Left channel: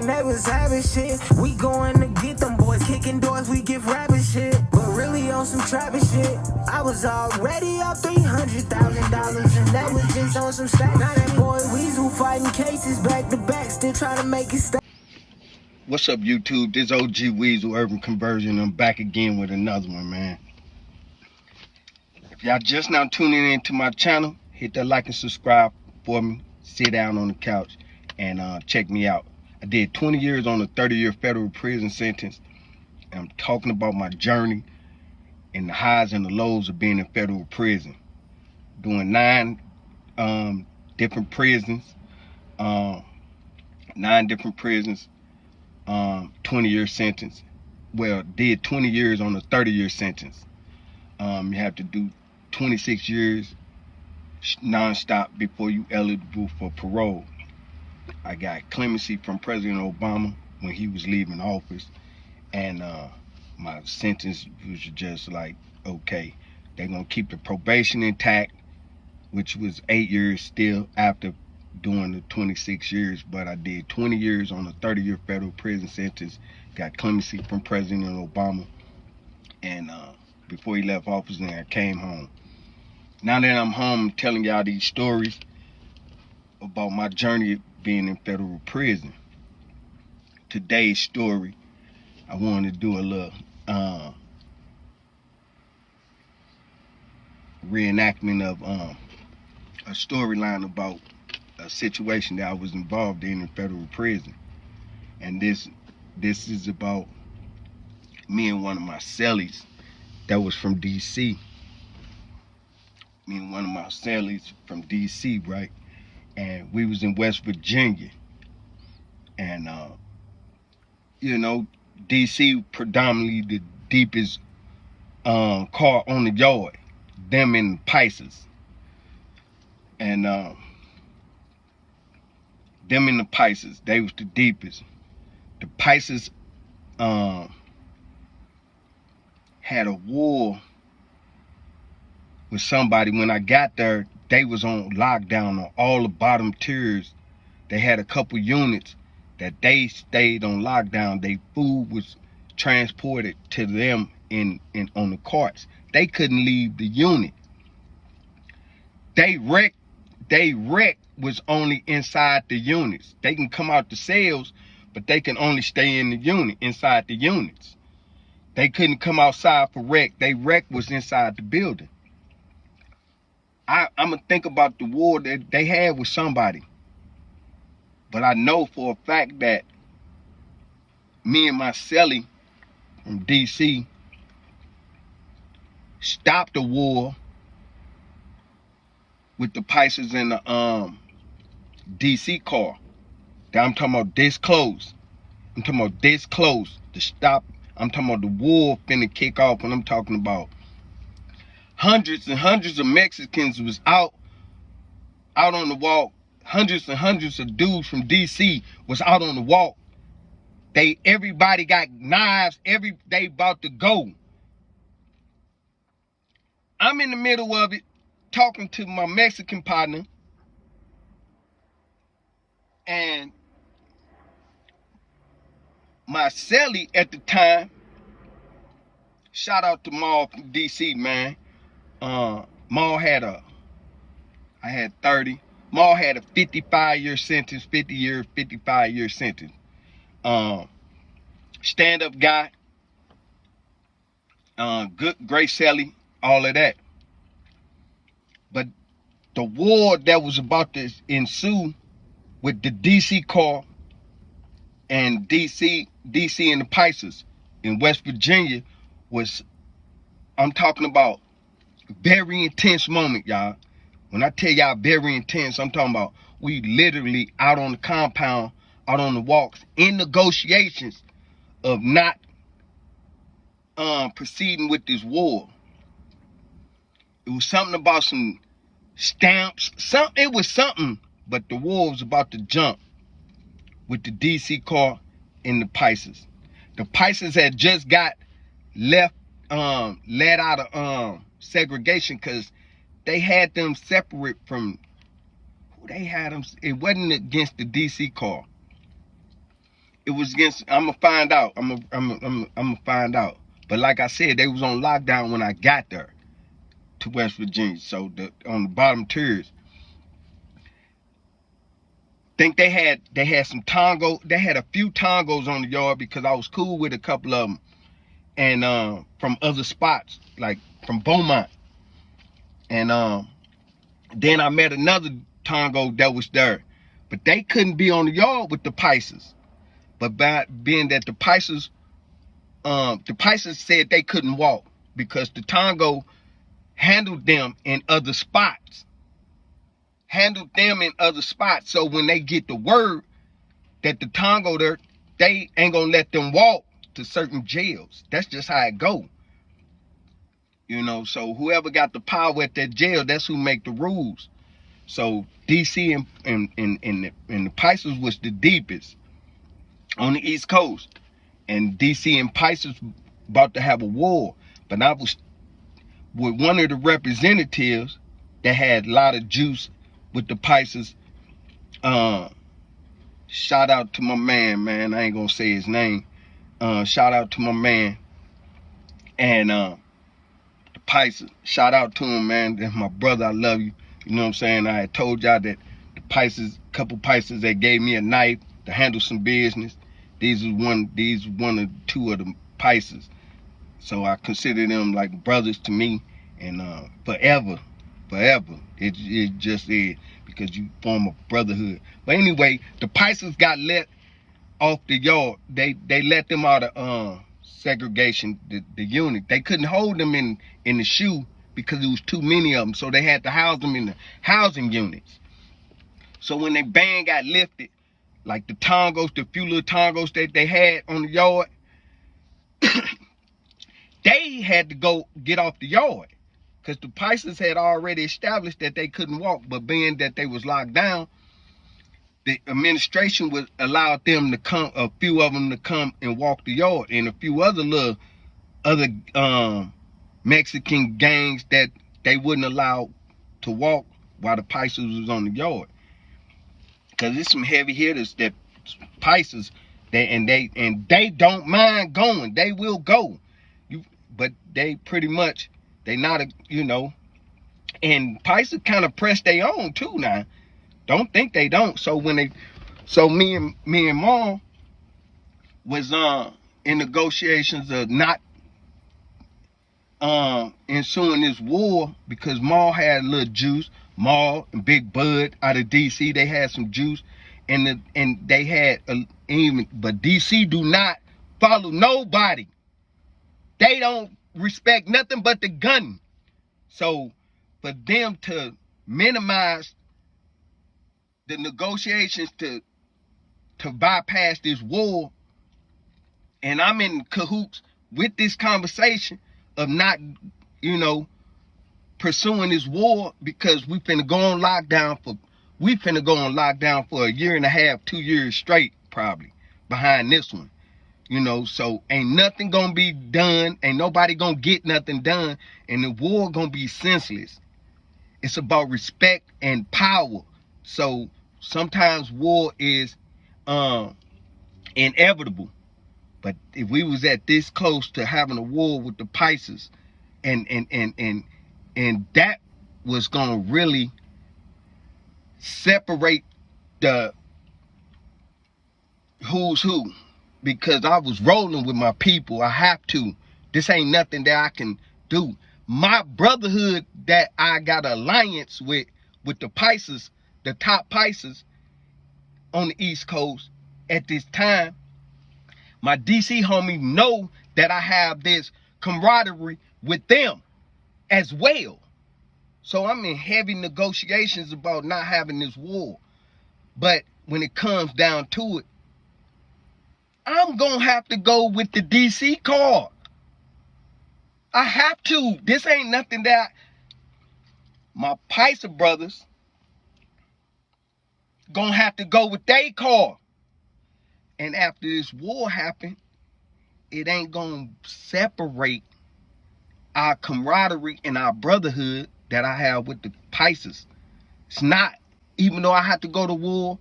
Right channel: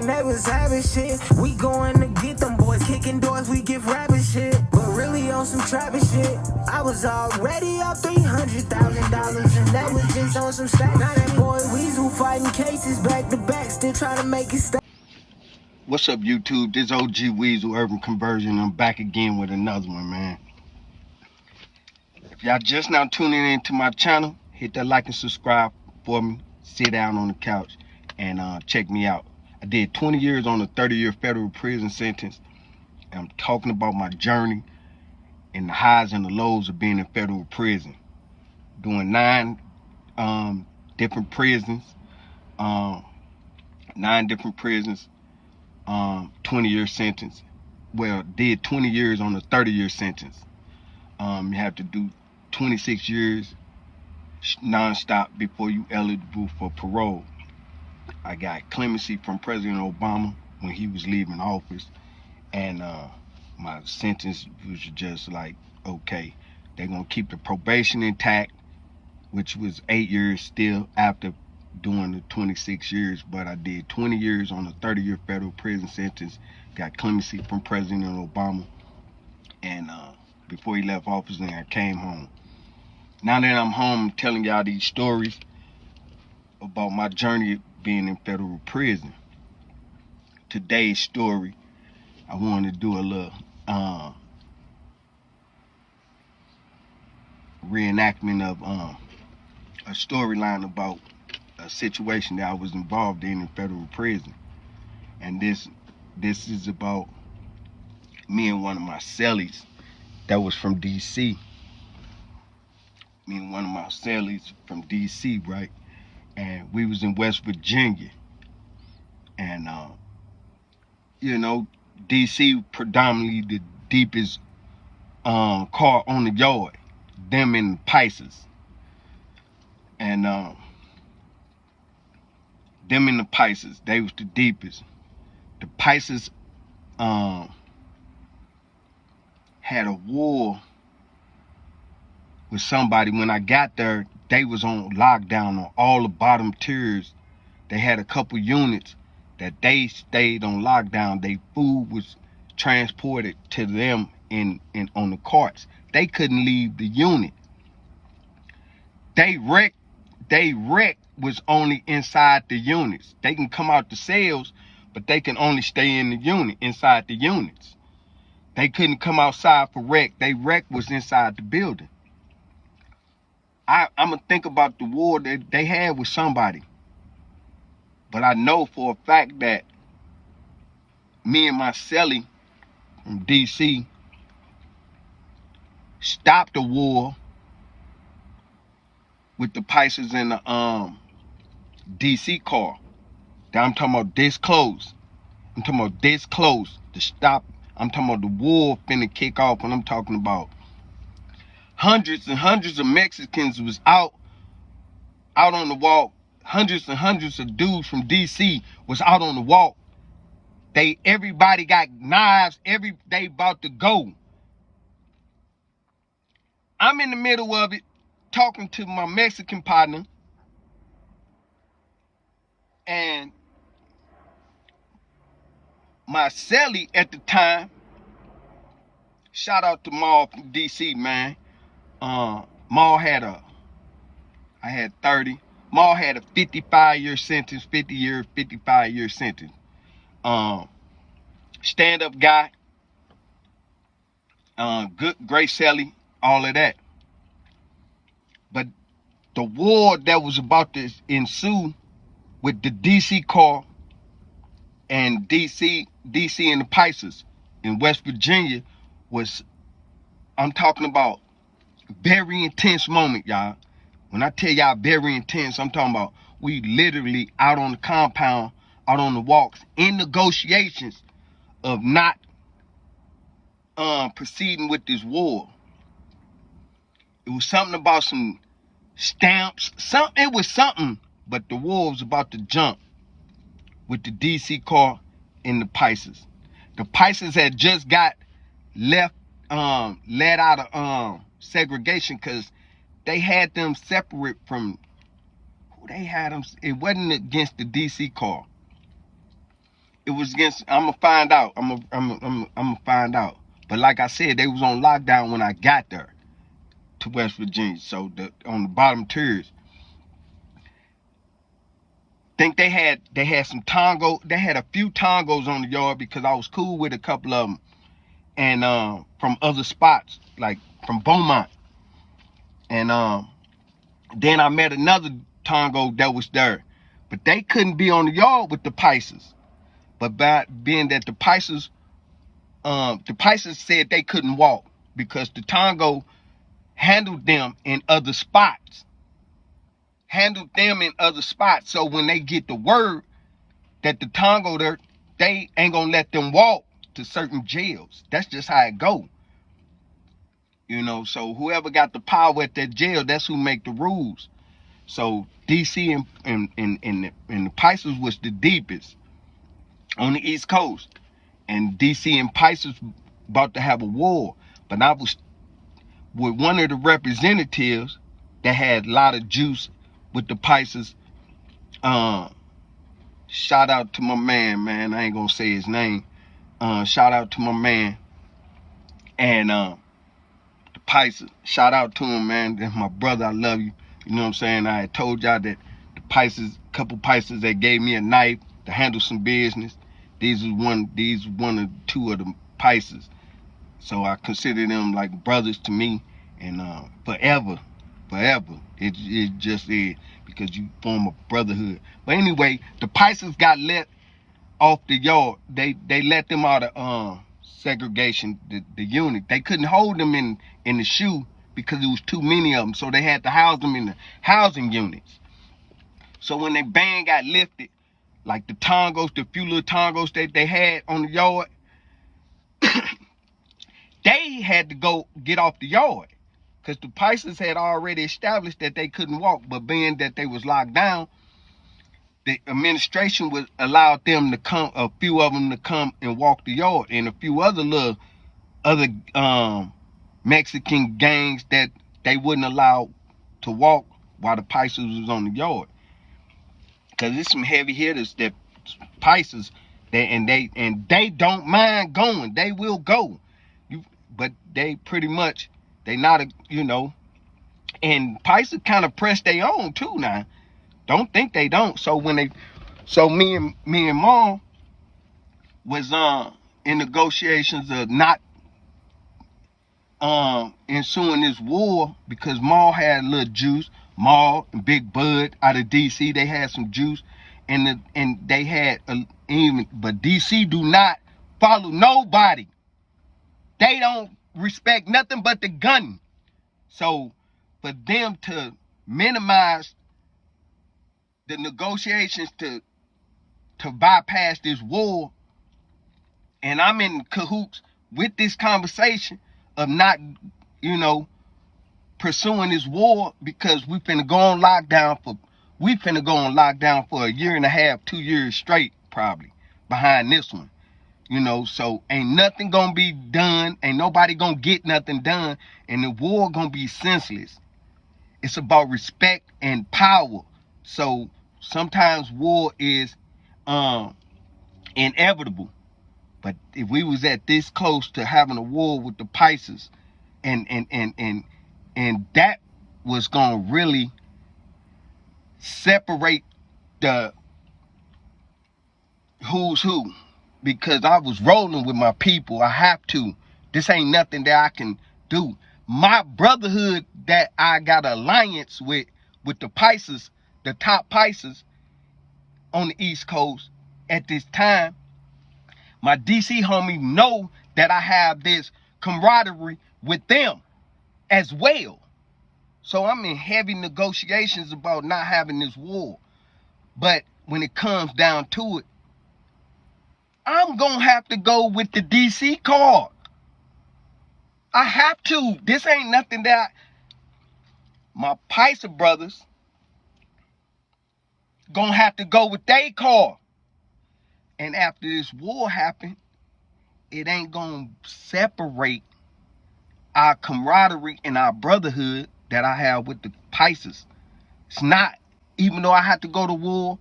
thinking they was having shit. We going to get them boys, kicking doors, we give rapping shit. But really on some trapping shit. I was already up $300,000, and that was just on some stack. Now that boy Weasel fighting cases back to back, still trying to make it stop. What's up, YouTube? This OG Weasel Urban Conversion. I'm back again with another one, man. If y'all just now tuning into my channel, hit that like and subscribe for me. Sit down on the couch and check me out. I did 20 years on a 30-year federal prison sentence. I'm talking about my journey and the highs and the lows of being in federal prison. Doing 9 different prisons, 9 different prisons, 20-year sentence. Well, did 20 years on a 30-year sentence. You have to do 26 years non-stop before you eligible for parole. I got clemency from President Obama when he was leaving office, and my sentence was just like, okay, they're gonna keep the probation intact, which was 8 years still after doing the 26 years, but I did 20 years on a 30-year federal prison sentence, got clemency from President Obama, and before he left office, then I came home. Now that I'm home, I'm telling y'all these stories about my journey being in federal prison. Today's story, I wanted to do a little reenactment of a storyline about a situation that I was involved in federal prison. And this is about me and one of my cellies that was from DC. Me and one of my cellies from DC, right? And we was in West Virginia. And you know, DC predominantly the deepest car on the yard. Them and the paisas. And them and the paisas, they was the deepest. The paisas had a war with somebody. When I got there, they was on lockdown on all the bottom tiers. They had a couple units that they stayed on lockdown. Their food was transported to them in on the carts. They couldn't leave the unit. They wreck was only inside the units. They can come out the cells, but they can only stay in the unit, inside the units. They couldn't come outside for wreck. They wreck was inside the building. I'm gonna think about the war that they had with somebody. But I know for a fact that me and my cellie from DC stopped the war with the paisas in the DC car. I'm talking about this close. I'm talking about this close to stop. I'm talking about the war finna kick off, and I'm talking about hundreds and hundreds of Mexicans was out on the walk. Hundreds and hundreds of dudes from DC was out on the walk. Everybody got knives. They about to go. I'm in the middle of it, talking to my Mexican partner, and my cellie at the time, shout out to Maul from DC, man. Maul had I had 30. Maul had a 55-year sentence, 55-year sentence. Stand-up guy, good, great cellie, all of that. But the war that was about to ensue with the DC car and DC and the paisas in West Virginia was, I'm talking about very intense moment, y'all. When I tell y'all very intense, I'm talking about we literally out on the compound, out on the walks, in negotiations of not proceeding with this war. It was something about some stamps, it was something, but the war was about to jump with the DC car and the paisas. The paisas had just got let out of segregation because they had them separate from who they had them. It wasn't against the DC car. It was against. I'm gonna find out. I'm gonna find out. But like I said, they was on lockdown when I got there to West Virginia. So on the bottom tiers, think they had some Tongo. They had a few Tongos on the yard because I was cool with a couple of them, and from other spots like from Beaumont, and then I met another Tongo that was there, but they couldn't be on the yard with the Paisas. But by being that the Paisas said they couldn't walk because the Tongo handled them in other spots. So when they get the word that the Tongo there, they ain't gonna let them walk to certain jails. That's just how it go. You know, so whoever got the power at that jail, that's who make the rules. So DC and the Paisas was the deepest on the East Coast. And DC and Paisas about to have a war. But I was with one of the representatives that had a lot of juice with the Paisas. Shout out to my man. I ain't gonna say his name. Shout out to my man. And the Paisas. Shout out to him, man. That's my brother. I love you. You know what I'm saying? I had told y'all that the Paisas, couple Paisas that gave me a knife to handle some business. These one or two of the Paisas. So I consider them like brothers to me, and forever. It just is because you form a brotherhood. But anyway, the Paisas got let off the yard. They let them out of segregation, the unit. They couldn't hold them in the SHU because it was too many of them. So they had to house them in the housing units. So when the ban got lifted, like the Tongos, the few little Tongos that they had on the yard, they had to go get off the yard because the Paisas had already established that they couldn't walk. But being that they was locked down, the administration would allow them to come, a few of them to come and walk the yard, and a few other Mexican gangs that they wouldn't allow to walk while the Paisas was on the yard. Cause it's some heavy hitters that Paisas, they don't mind going. They will go, but they pretty much they not and Paisas kind of press their own too now. Don't think they don't. So me and Mom was in negotiations of not ensuing this war because Maul had a little juice. Maul and Big Bud out of DC, they had some juice, and they had but DC do not follow nobody. They don't respect nothing but the gun. So for them to minimize the negotiations to bypass this war, and I'm in cahoots with this conversation of not, pursuing this war because we finna go on lockdown for a year and a half, 2 years straight, probably, behind this one. So ain't nothing gonna be done, ain't nobody gonna get nothing done, and the war gonna be senseless. It's about respect and power. So sometimes war is inevitable. But if we was at this close to having a war with the Paisas, and that was gonna really separate the who's who, because I was rolling with my people. I have to. This ain't nothing that I can do. My brotherhood that I got alliance with the Paisas, the top Paisas on the East Coast at this time, my DC homie know that I have this camaraderie with them as well. So I'm in heavy negotiations about not having this war. But when it comes down to it, I'm going to have to go with the DC card. I have to. This ain't nothing that my Paisa brothers going to have to go with their card. And after this war happened, it ain't going to separate our camaraderie and our brotherhood that I have with the Paisas. It's not. Even though I had to go to war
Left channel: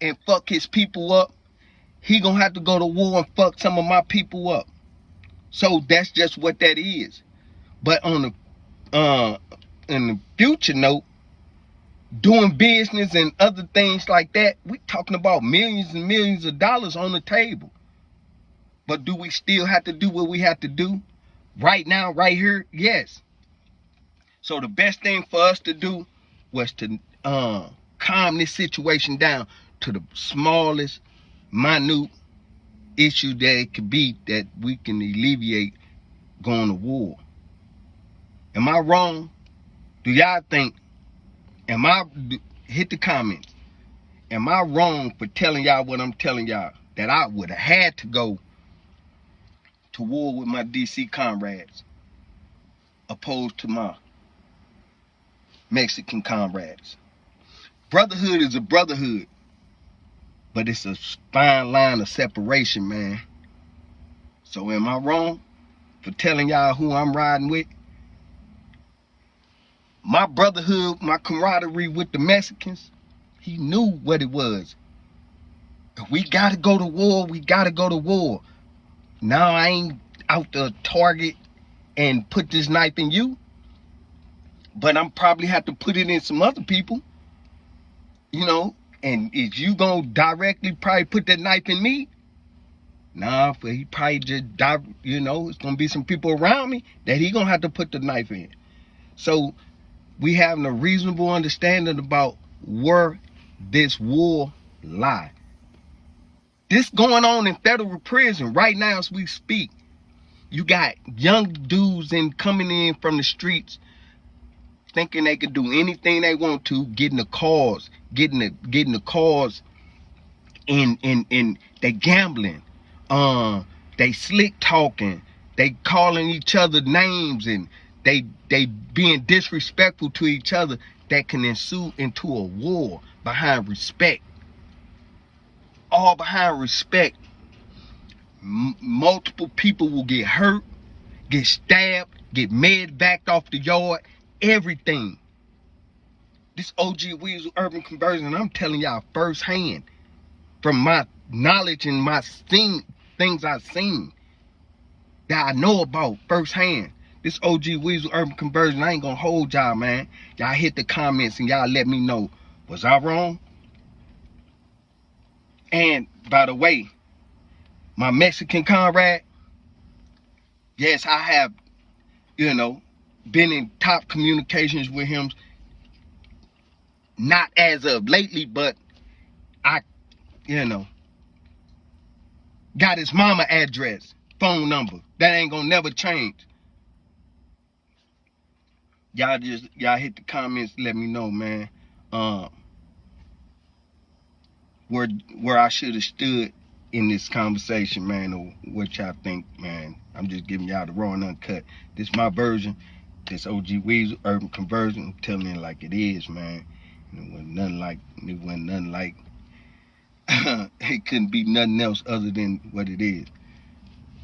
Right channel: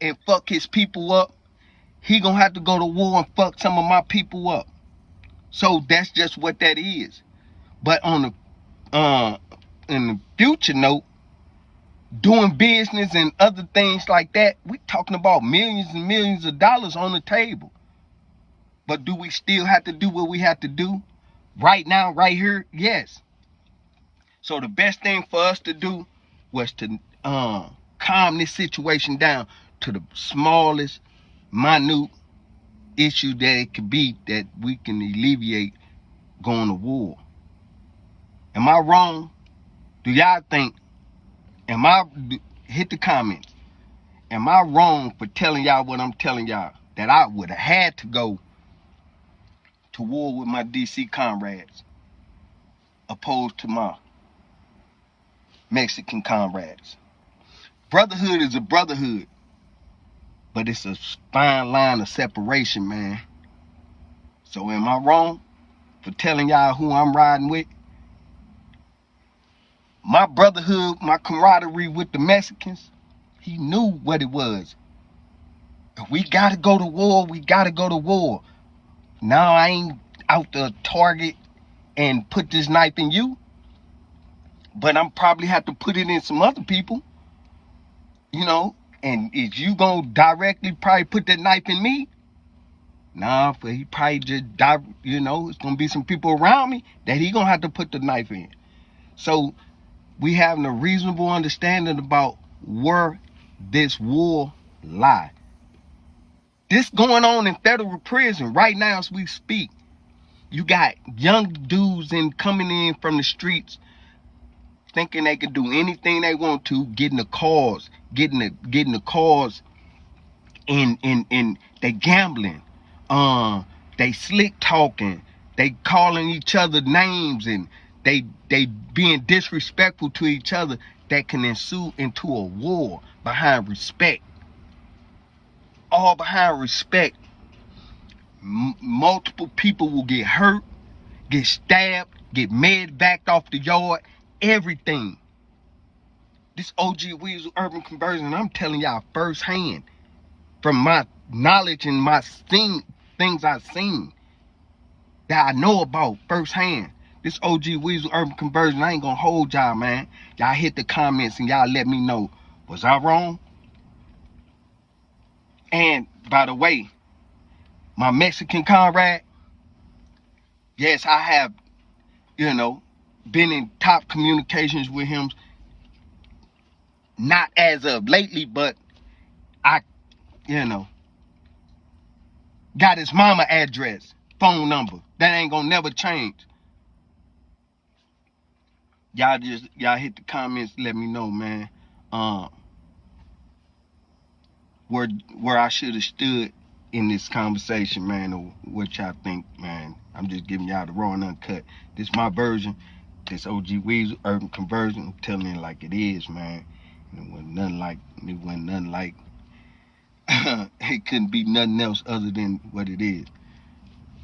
and fuck his people up he gonna have to go to war and fuck some of my people up. So that's just what that is. But on the in the future note, doing business and other things like that, we talking about millions and millions of dollars on the table. But do we still have to do what we have to do right now, right here? Yes. So the best thing for us to do was to calm this situation down to the smallest, minute issue that it could be that we can alleviate going to war. Am I wrong? Do y'all think, hit the comments. Am I wrong for telling y'all what I'm telling y'all? That I would have had to go to war with my DC comrades opposed to my Mexican comrades. Brotherhood is a brotherhood, but it's a fine line of separation, man. So am I wrong for telling y'all who I'm riding with? My brotherhood, my camaraderie with the Mexicans, he knew what it was. If we gotta go to war, we gotta go to war. Now I ain't out to target and put this knife in you, but I'm probably have to put it in some other people, you know. And if you gonna directly probably put that knife in me, nah, but he probably just, you know, it's gonna be some people around me that he gonna have to put the knife in. So we having a reasonable understanding about where this war lie. This going on in federal prison right now as we speak. You got young dudes coming in from the streets thinking they can do anything they want to, getting the cars, getting the cars in they gambling, they slick talking, they calling each other names, and they being disrespectful to each other that can ensue into a war behind respect. All behind respect. Multiple people will get hurt, get stabbed, get backed off the yard, everything. This OG Weasel Urban Conversion, I'm telling y'all firsthand from my knowledge and my things I've seen that I know about firsthand. This OG Weasel Urban Conversion, I ain't gonna hold y'all, man. Y'all hit the comments and y'all let me know, was I wrong? And by the way, my Mexican comrade, yes, I have, you know, been in top communications with him. Not as of lately, but I, you know, got his mama address, phone number. That ain't gonna never change. Y'all hit the comments, let me know, man. Where I should have stood in this conversation, man, or what y'all think, man. I'm just giving y'all the raw and uncut. This my version. This OG Weasel Urban Conversion. I'm telling you like it is, man. It wasn't nothing like it couldn't be nothing else other than what it is.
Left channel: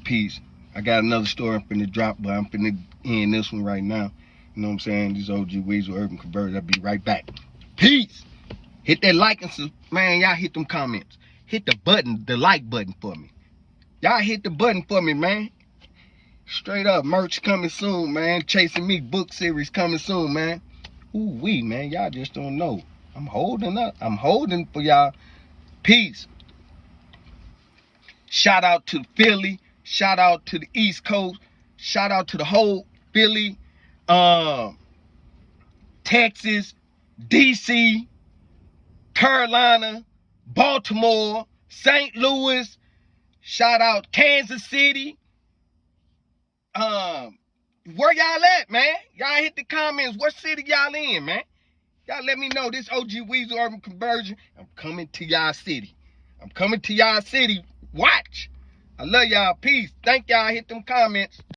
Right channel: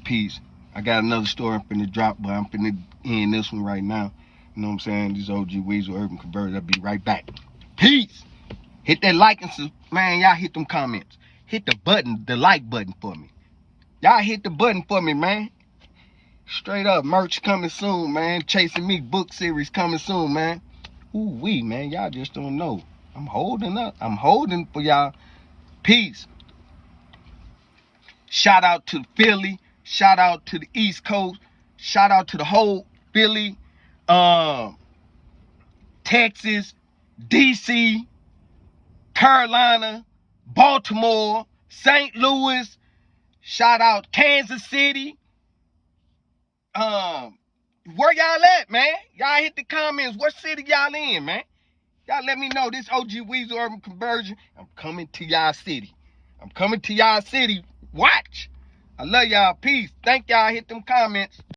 Peace. I got another story I'm finna drop, but I'm finna end this one right now. You know what I'm saying? This OG Weasel Urban Conversion. I'll be right back. Peace. Hit that like and man, y'all hit them comments. Hit the button, the like button for me. Y'all hit the button for me, man. Straight up, merch coming soon, man. Chasing Me book series coming soon, man. Ooh-wee, man. Y'all just don't know. I'm holding up. I'm holding for y'all. Peace. Shout out to Philly. Shout out to the East Coast. Shout out to the whole Philly, Texas, DC, Carolina, Baltimore, St. Louis. Shout out Kansas City. Where y'all at, man? Y'all hit the comments. What city y'all in, man? Y'all let me know. This OG Weasel Urban Conversion. I'm coming to y'all city. I'm coming to y'all city. Watch. I love y'all. Peace. Thank y'all. Hit them comments.